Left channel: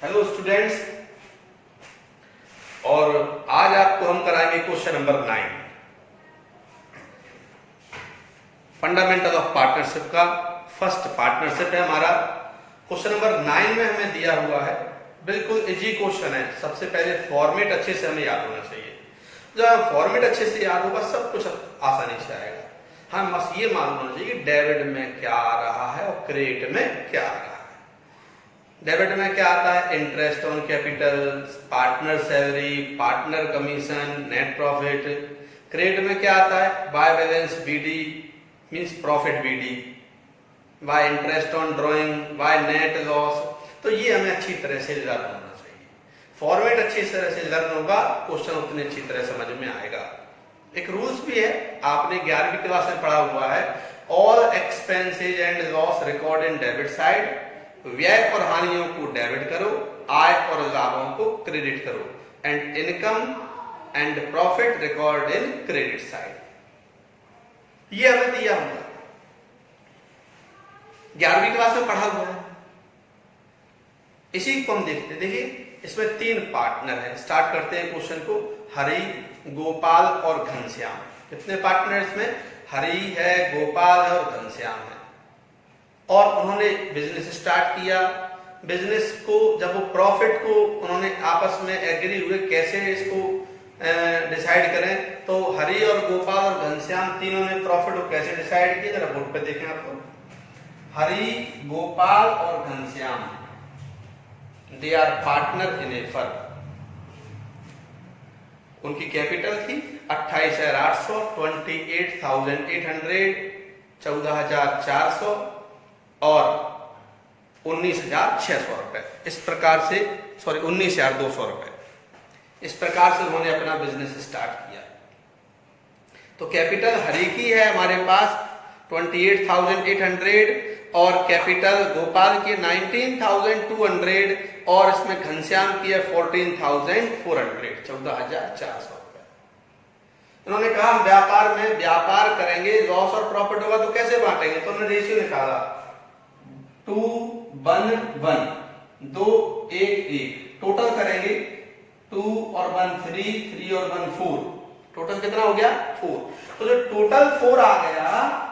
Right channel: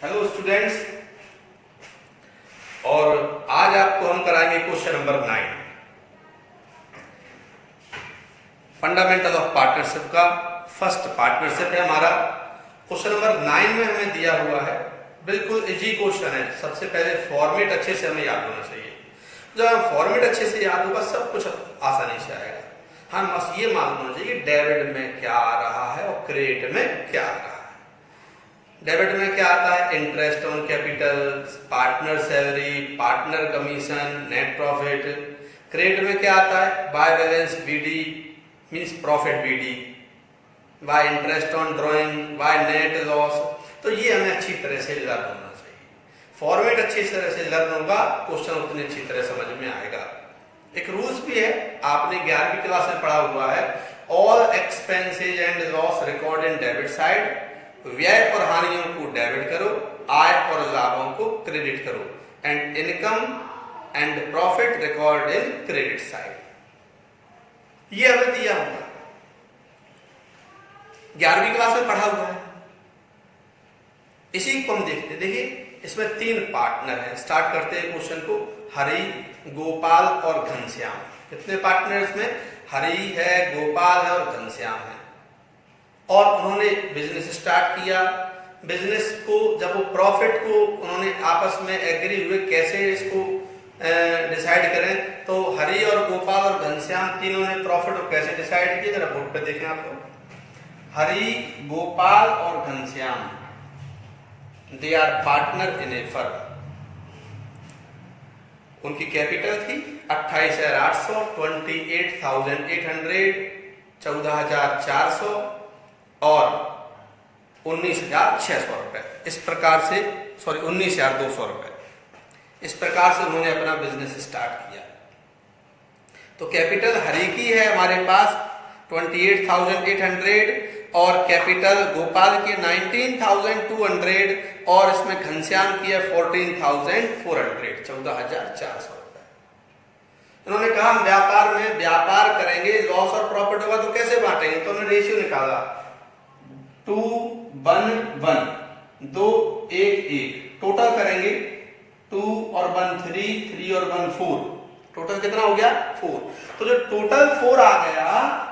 Hello students, और आज आपको हम कराएंगे question number 9, fundamental of partnership का फर्स्ट पार्टनरशिप है हमारा। क्वेश्चन नंबर 9 में हमें दिया हुआ है, बिल्कुल इजी क्वेश्चन है। सबसे पहले फॉर्मेट अच्छे से हमें याद होना चाहिए। जब फॉर्मेट अच्छे से याद होगा सब कुछ आसानी से आएगा। हाँ, बस ये मालूम होना चाहिए कि डेबिट में क्या आ रहा है और क्रेडिट में क्या आ रहा है। डेबिट में क्या आता है? Interest on capital, partner salary, partner commission, net profit. Credit में क्या आता है? By balance BD means profit BD, by interest on drawing, by net loss. तो ये हमें अच्छी तरह से लर्न होना चाहिए। फॉर्मेट अच्छी तरह से लर्न होगा, क्वेश्चन उतनी अच्छी तरह समझ में आएगा। एक रूल्स भी है, आपने 11वीं क्लास में पढ़ा हुआ है, all expenses and loss record in debit side. व्यय और हानियों को डेबिट करो, आय और लाभों को क्रेडिट करो, and income and profit record in credit side. ये हमें दिया हुआ है, 11वीं क्लास में पढ़ा हुआ है। इसी को हम देखते, देखिए इसमें 3 पार्टनर हैं। स्टार्ट करते हैं क्वेश्चन को। हरि, गोपाल और घनश्याम। कितने पार्टनर इसमें? हरि है, गोपाल है और घनश्याम है। और उन्होंने बिजनेस स्टार्ट किया। बिजनेस को जब वो प्रॉफिट को उन्होंने आपस में एग्री हुए कैसे इसको डिसाइड करें, तो हरि और गोपाल और घनश्याम तीनों ने प्रॉफिट को कैसे डिसाइड किया। जरा बोर्ड पे देखें आप लोग। हरि, गोपाल और Ghanshyam, they are partner in a firm. उनकी कैपिटल थी 28,800, 28,800, 14,400 और 19,600 रुपए। इस प्रकार से 19,200 रुपए। इस प्रकार से उन्होंने अपना बिजनेस स्टार्ट किया। तो कैपिटल हरि की है हमारे पास 28,800 और कैपिटल गोपाल की 19,200 और इसमें घनश्याम की है 14,400, 14,400 रुपए। उन्होंने कहा हम व्यापार करेंगे, लॉस और प्रॉफिट होगा तो कैसे बांटेंगे। तो हमने रेशियो निकाला 2:1, 2 1 1। टोटल करेंगे 2 और 1 3, 3 और 1 4। टोटल कितना हो गया? 4। तो जो टोटल 4 आ गया,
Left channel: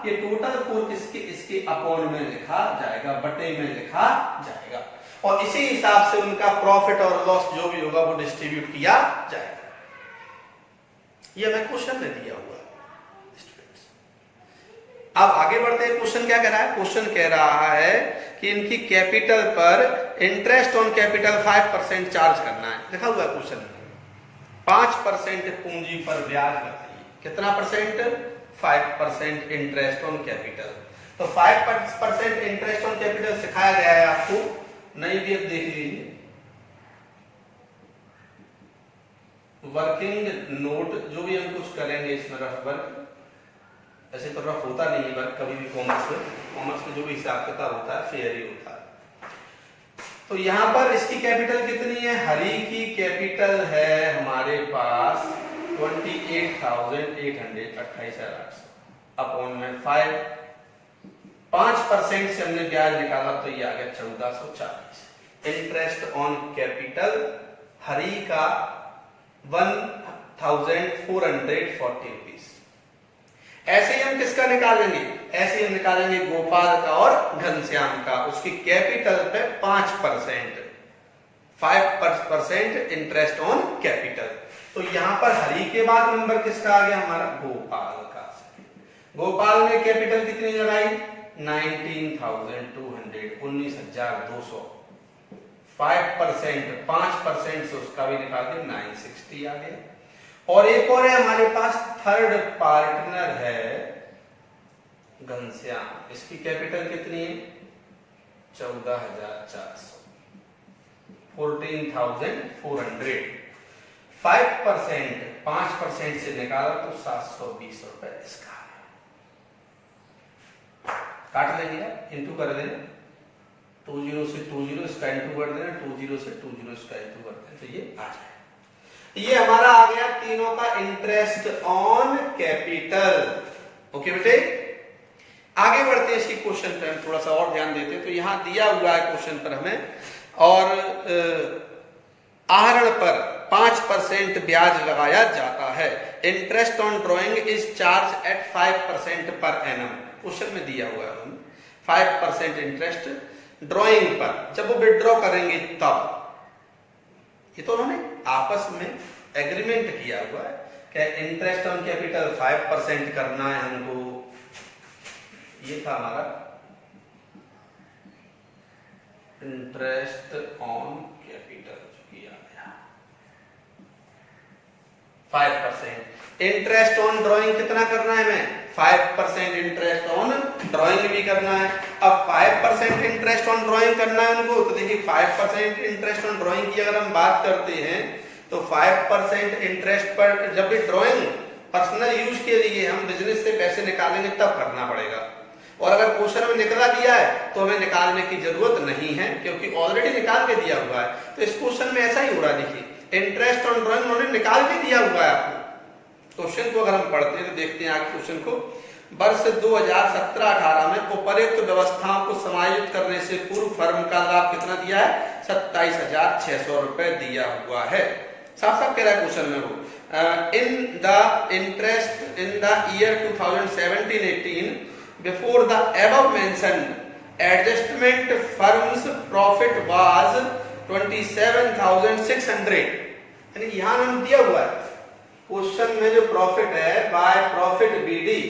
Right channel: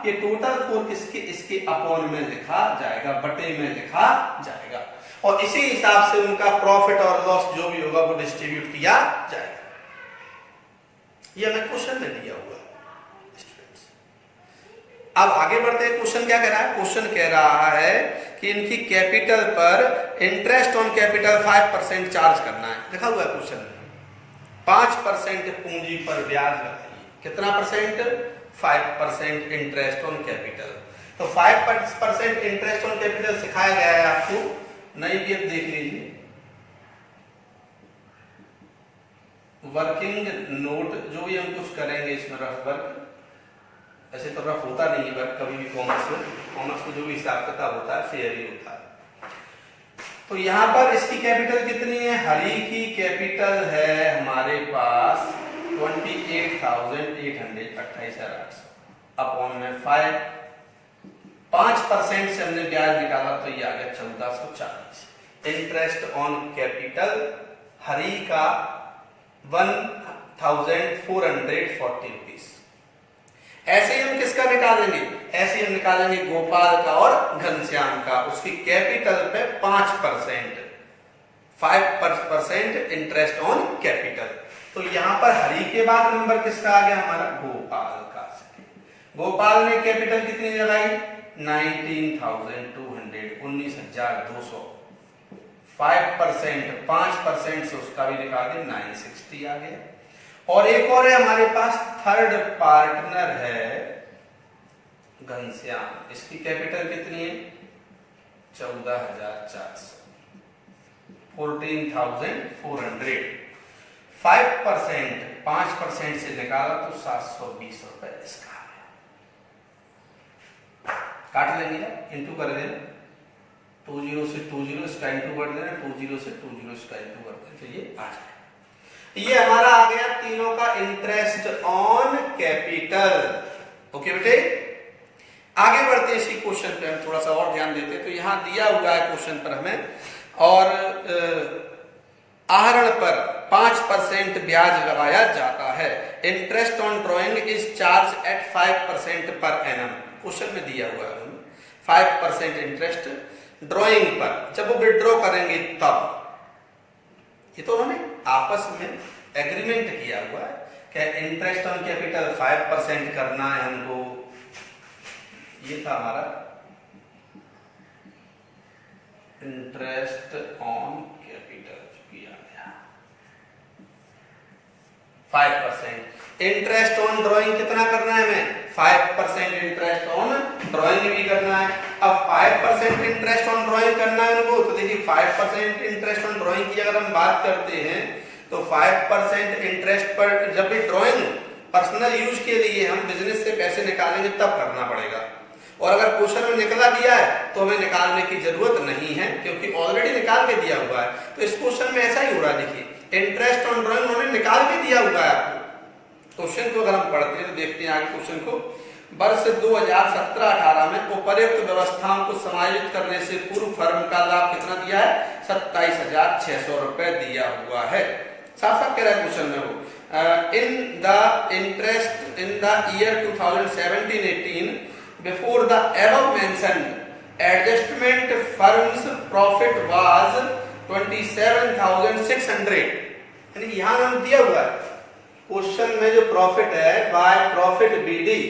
ये टोटल 4 इसके अपॉन में लिखा जाएगा, बटे में लिखा जाएगा। और इसी हिसाब से उनका प्रॉफिट और लॉस जो भी होगा वो डिस्ट्रीब्यूट किया जाएगा। ये हमें क्वेश्चन में दिया हुआ है। अब आगे बढ़ते हैं। क्वेश्चन क्या कह रहा है? क्वेश्चन कह रहा है कि इनकी कैपिटल पर इंटरेस्ट ऑन कैपिटल 5% चार्ज करना है। लिखा हुआ है क्वेश्चन में 5% पूंजी पर ब्याज लगती है। कितना परसेंट? 5% interest on capital. तो 5% इंटरेस्ट ऑन कैपिटल सिखाया गया है आपको, नहीं भी देख लीजिए। वर्किंग नोट जो भी हम कुछ करेंगे इसमें रफ वर्क, ऐसे तो रफ होता नहीं वर्क कभी भी। कॉमर्स में जो भी हिसाब किताब होता है फेयर ही होता है। तो यहां पर इसकी कैपिटल कितनी है? हरि की कैपिटल है हमारे पास 28,800, 28,800 अपॉन में 5% से हमने ब्याज निकाला तो ये आ गया 1440। इंटरेस्ट ऑन कैपिटल हरि का 1,440 रुपीज। ऐसे ही हम किसका निकालेंगे? ऐसे हम निकालेंगे गोपाल का और घनश्याम का। उसकी कैपिटल पे 5% इंटरेस्ट ऑन कैपिटल। तो यहां पर हरि के बाद नंबर किसका आ गया? हमारा गोपाल का। गोपाल ने कैपिटल कितनी लगाई? 19,200, 19,200। 5% से उसका भी निकाल दिया, 960 आ गया। और एक और है हमारे पास, थर्ड पार्टनर है घनश्याम। इसकी कैपिटल कितनी है? 14,400, 14,400। 5% से निकाला तो 720 रुपए इसका। काट लेंगे, इंटू कर देना। 20 से 20 इसका इंटू कर देना, 20 से 20 इसका इंटू कर देना, तो ये आ जाए। ये हमारा आ गया तीनों का इंटरेस्ट ऑन कैपिटल। ओके बेटे। आगे बढ़ते हैं इसी क्वेश्चन पर, हम थोड़ा सा और ध्यान देते हैं। तो यहाँ दिया हुआ है क्वेश्चन पर हमें, और आहरण पर 5% ब्याज लगाया जाता है। Interest on drawing is charge at 5% per annum. Question में दिया हुआ है 5% इंटरेस्ट ड्रॉइंग पर, जब वो विड्रॉ करेंगे तब। ये तो उन्होंने आपस में एग्रीमेंट किया हुआ है कि इंटरेस्ट ऑन कैपिटल 5% करना है हमको। ये था हमारा इंटरेस्ट ऑन कैपिटल किया गया 5%। इंटरेस्ट ऑन ड्राइंग कितना करना है हमें? 5% इंटरेस्ट ऑन ड्राइंग भी करना है। अब 5% इंटरेस्ट ऑन ड्राइंग करना है उनको, तो देखिए 5% इंटरेस्ट ऑन ड्राइंग की अगर हम बात करते हैं तो 5% इंटरेस्ट पर जब भी ड्राइंग पर्सनल यूज के लिए हम बिजनेस से पैसे निकालेंगे तब करना पड़ेगा। और अगर क्वेश्चन में निकला दिया है तो हमें निकालने की जरूरत नहीं है, क्योंकि ऑलरेडी निकाल के दिया हुआ है। तो इस क्वेश्चन में ऐसा ही हो रहा है, देखिए इंटरेस्ट ऑन ड्राइंग उन्होंने निकाल के दिया हुआ है आपको। क्वेश्चन को अगर हम पढ़ते हैं तो देखते हैं आप क्वेश्चन को। वर्ष 2017-18 में उपरोक्त व्यवस्थाओं को समायोजित करने से पूर्व फर्म का लाभ कितना दिया है? 27,600 रुपए दिया हुआ है। साफ साफ कह रहा है क्वेश्चन में वो, in the interest in the year 2017-18 before the above mentioned adjustment firm's profit was 27,600। यानी यहां उन्होंने दिया हुआ है क्वेश्चन में जो प्रॉफिट है बाय प्रॉफिट बीडी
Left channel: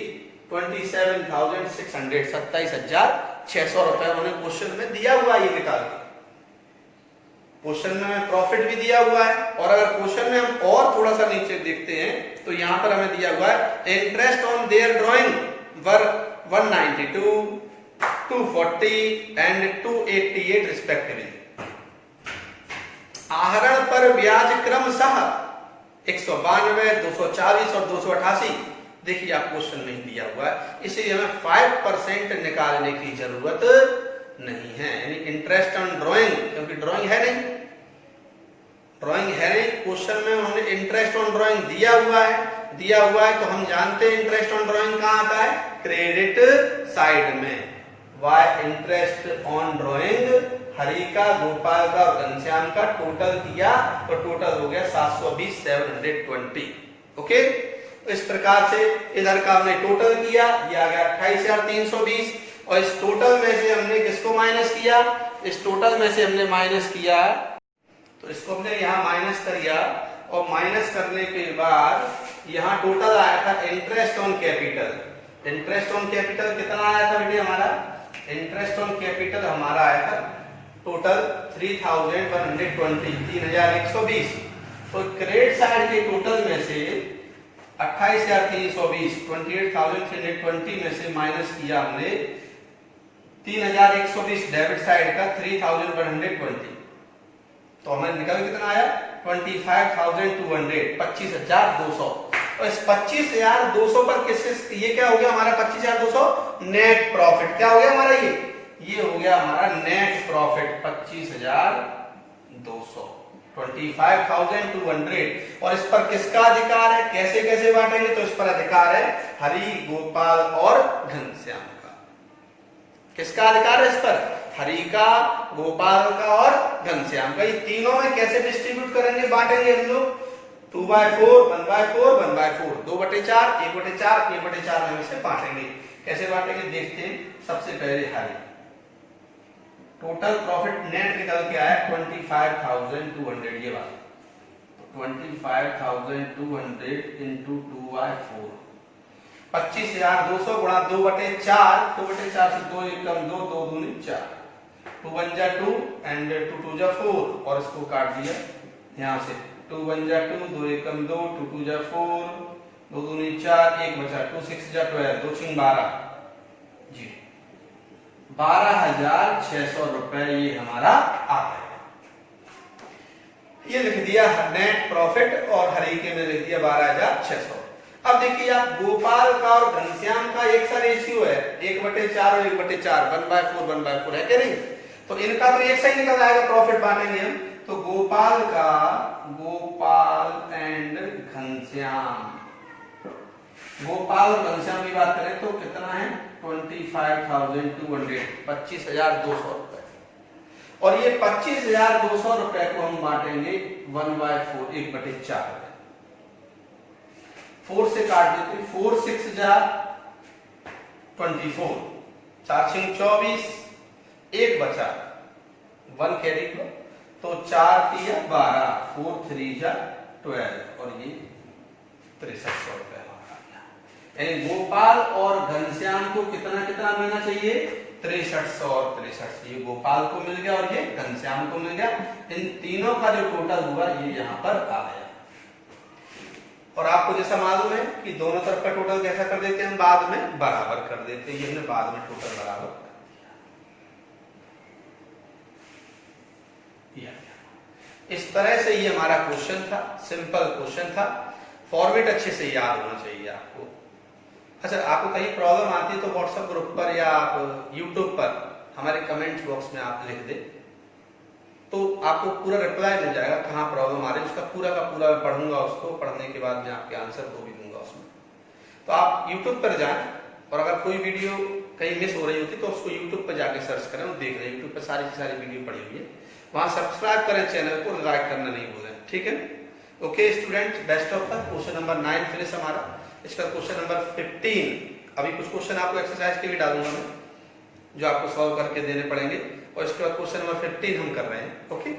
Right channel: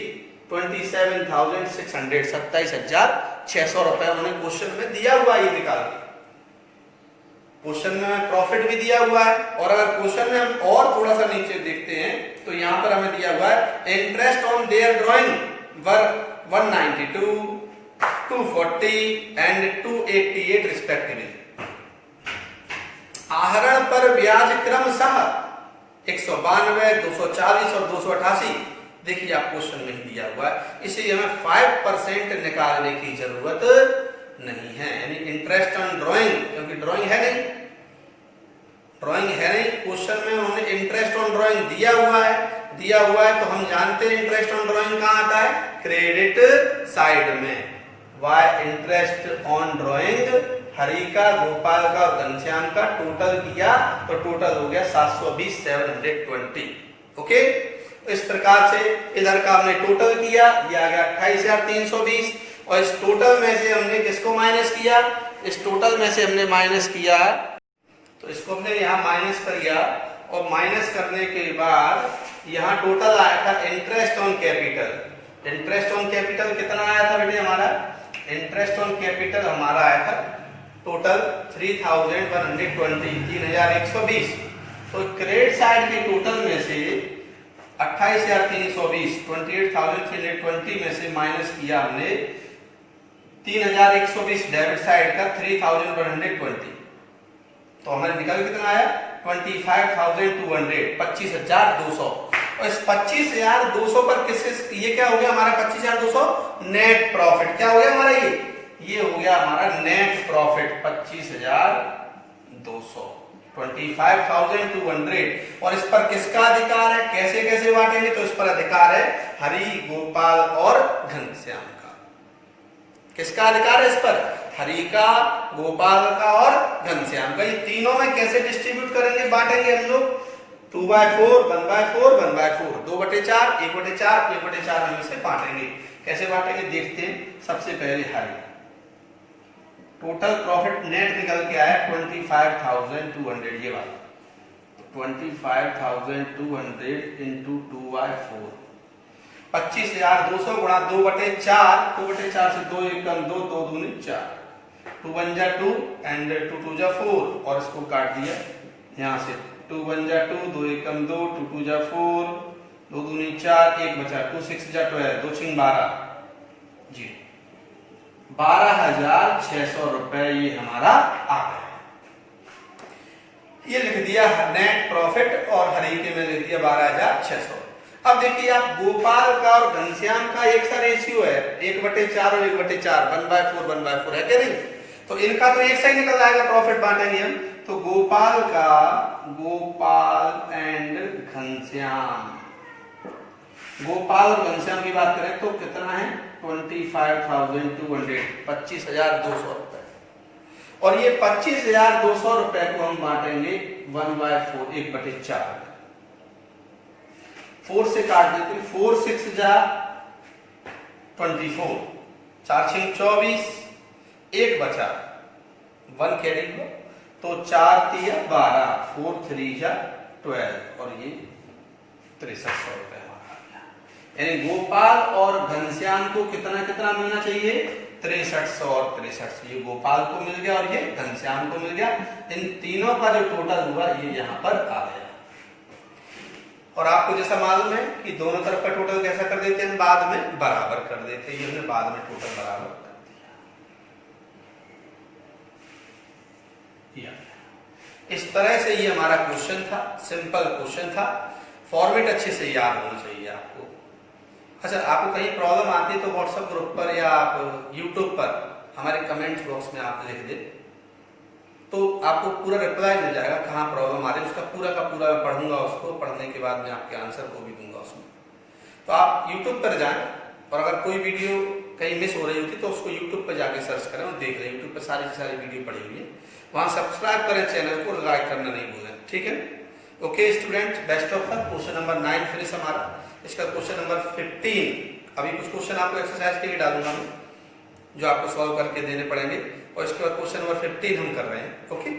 27,600, 27,600 रुपए उन्होंने क्वेश्चन में दिया हुआ है। ये निकाल के क्वेश्चन में प्रॉफिट भी दिया हुआ है। और अगर क्वेश्चन में हम और थोड़ा सा नीचे देखते हैं तो यहां पर हमें दिया हुआ है interest on their drawing were 192, 240 and 288 respectively. आहरण पर ब्याज क्रमशः 192, 240 और 288। देखिए आप क्वेश्चन नहीं दिया हुआ है, इसलिए हमें 5% निकालने की जरूरत नहीं है। यानी इंटरेस्ट ऑन ड्राइंग, क्योंकि ड्राइंग है नहीं, क्वेश्चन में उन्होंने इंटरेस्ट ऑन ड्राइंग दिया हुआ है तो हम जानते हैं इंटरेस्ट ऑन ड्राइंग कहां आता है? क्रेडिट साइड में। Why interest on drawing Hari का, गोपाल का और घनश्याम का टोटल किया तो टोटल हो गया 720, 720। ओके, तो इस प्रकार से इधर का हमने टोटल किया, ये आ गया 28,320। और इस टोटल में से हमने किसको माइनस किया? इस टोटल में से हमने माइनस किया, तो इसको हमने यहाँ माइनस कर लिया। और माइनस करने के बाद यहाँ टोटल आया था interest on capital. Interest on capital कितना आया था बेटे हमारा? इंटरेस्ट ऑन कैपिटल हमारा आया था टोटल 3,120, 3,120। तो क्रेडिट साइड के टोटल में से 28,320, 28,320 में से माइनस किया हमने 3,120 डेबिट साइड का 3,120, तो हमें निकल कितना आया? 25,200, 25,200। और इस 25,200 पर किससे, ये क्या हो गया हमारा 25,200? Net profit. क्या हो गया हमारा? ये हो गया हमारा नेट प्रॉफिट 25,200, 25,200। और इस पर किसका अधिकार है? कैसे कैसे बांटेंगे? तो इस पर अधिकार है हरि, गोपाल और घनश्याम का। किसका अधिकार है इस पर? हरि का, गोपाल का और घनश्याम का। ये तीनों में कैसे डिस्ट्रीब्यूट करेंगे, बांटेंगे हम लोग? 2/4, 1/4, 1/4, 2/4, 1/4, 1/4 में से बांटेंगे। कैसे बांटेंगे देखते हैं। सबसे पहले हरि, टोटल प्रॉफिट नेट निकल के आया 25,200, ये वाला 25,200 इंटू 2/4, 25,200 गुणा 2/4, 2/4 से 2 एकम 2, 2 दूनी 4, 2 1 जा 2 एंड 2 2 जा 4। और इसको काट दिया यहां से, 2 1 जा 2, 2 एकम 2, 2 2 जा 4, 2 दूनी 4, 1 बचा, 2 6 जा 12, 2 6 12 जी, 12,600 रुपए ये हमारा आ गया। ये लिख दिया नेट प्रॉफिट और हरि के में लिख दिया 12,600। अब देखिए आप, गोपाल का और घनश्याम का एक सा रेशियो है 1/4 और 1/4, 1/4, 1/4 है क्या नहीं? तो इनका तो एक सा ही निकल आएगा, प्रॉफिट बांटेंगे हम। तो गोपाल का, गोपाल एंड घनश्याम गोपाल और घनश्याम की बात करें तो कितना है 25,200, 25,200 रुपए। और ये 25,200 रुपए को हम बांटेंगे 1/4, 1/4। 4 से काट देते, 4 6 जा 24, 4 6 24, 1 बचा 1 कैरी को, तो 4 3 12, 4 3 जा 12, और ये 6300 रुपए हमारा आ गया। यानी गोपाल और घनश्याम को कितना कितना मिलना चाहिए, 6300 और 6300। ये गोपाल को मिल गया और ये घनश्याम को मिल गया। इन तीनों का जो टोटल हुआ ये यहाँ पर आ गया। और आपको जैसा मालूम है कि दोनों तरफ का टोटल कैसा कर देते हैं, बाद में बराबर कर देते हैं। ये हमने बाद में टोटल बराबर कर दिया। इस तरह से ये हमारा क्वेश्चन था, सिंपल क्वेश्चन था। फॉर्मेट अच्छे से याद होना चाहिए आपको। अच्छा, आपको कहीं प्रॉब्लम आती है तो व्हाट्सएप ग्रुप पर या आप यूट्यूब पर हमारे कमेंट बॉक्स में आप लिख दें, तो आपको पूरा रिप्लाई मिल जाएगा कहाँ प्रॉब्लम आ रही है। उसका पूरा का पूरा मैं पढ़ूंगा, उसको पढ़ने के बाद मैं आपके आंसर को भी दूंगा उसमें। तो आप यूट्यूब पर जाएं और अगर कोई वीडियो कहीं मिस हो रही होती तो उसको यूट्यूब पर जाके सर्च करें और देख लें। यूट्यूब पर सारी वीडियो पड़ी हुई है, वहां सब्सक्राइब करें चैनल को, लाइक करना नहीं भूलें। ठीक है, okay student, best of luck. Question number 9 finish हमारा। इसका क्वेश्चन नंबर 15, अभी कुछ क्वेश्चन आपको एक्सरसाइज के भी डालूंगा मैं, जो आपको सॉल्व करके देने पड़ेंगे, और इसके बाद क्वेश्चन नंबर 15 हम कर रहे हैं। ओके।